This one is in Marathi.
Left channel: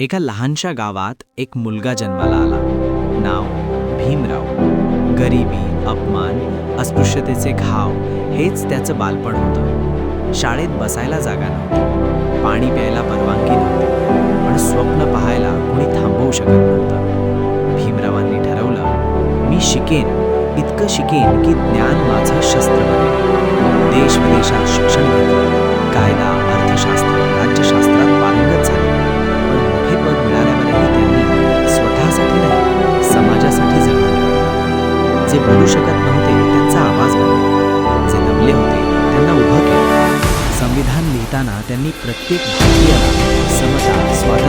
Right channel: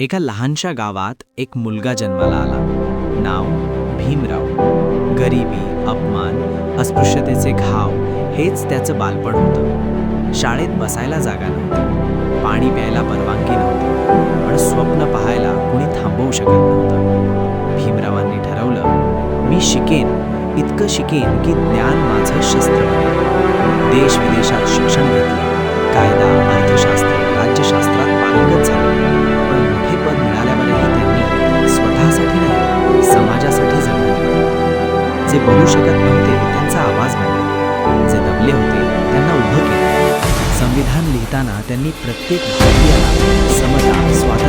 एका लहानशा गावात एक मुलगा जन्माला आला. नाव भीमराव. गरिबी, अपमान, अस्पृश्यतेचे घाव हेच त्याचं बालपण होतं. शाळेत बसायला जागा नव्हती, पाणी प्यायला परवानगी नव्हती आणि स्वप्न पाहायला कुणी थांबवू शकत नव्हतं. भीमरावांनी ठरवलं, मी शिकेन, इतकं शिकेन की ज्ञान माझं शस्त्र बनेल. देश विदेशात शिक्षण घेतलं, कायदा, अर्थशास्त्र, राज्यशास्त्रात पारंगत झाले. पण मोठे पद मिळाल्यावरही त्यांनी स्वतःसाठी नाही, समाजासाठी जगणं निवडलं. जे बोलू शकत नव्हते त्यांचा आवाज बनला, जे दबले होते त्यांना उभं केलं. संविधान लिहिताना त्यांनी प्रत्येक भारतीयाला समता, स्वातंत्र्य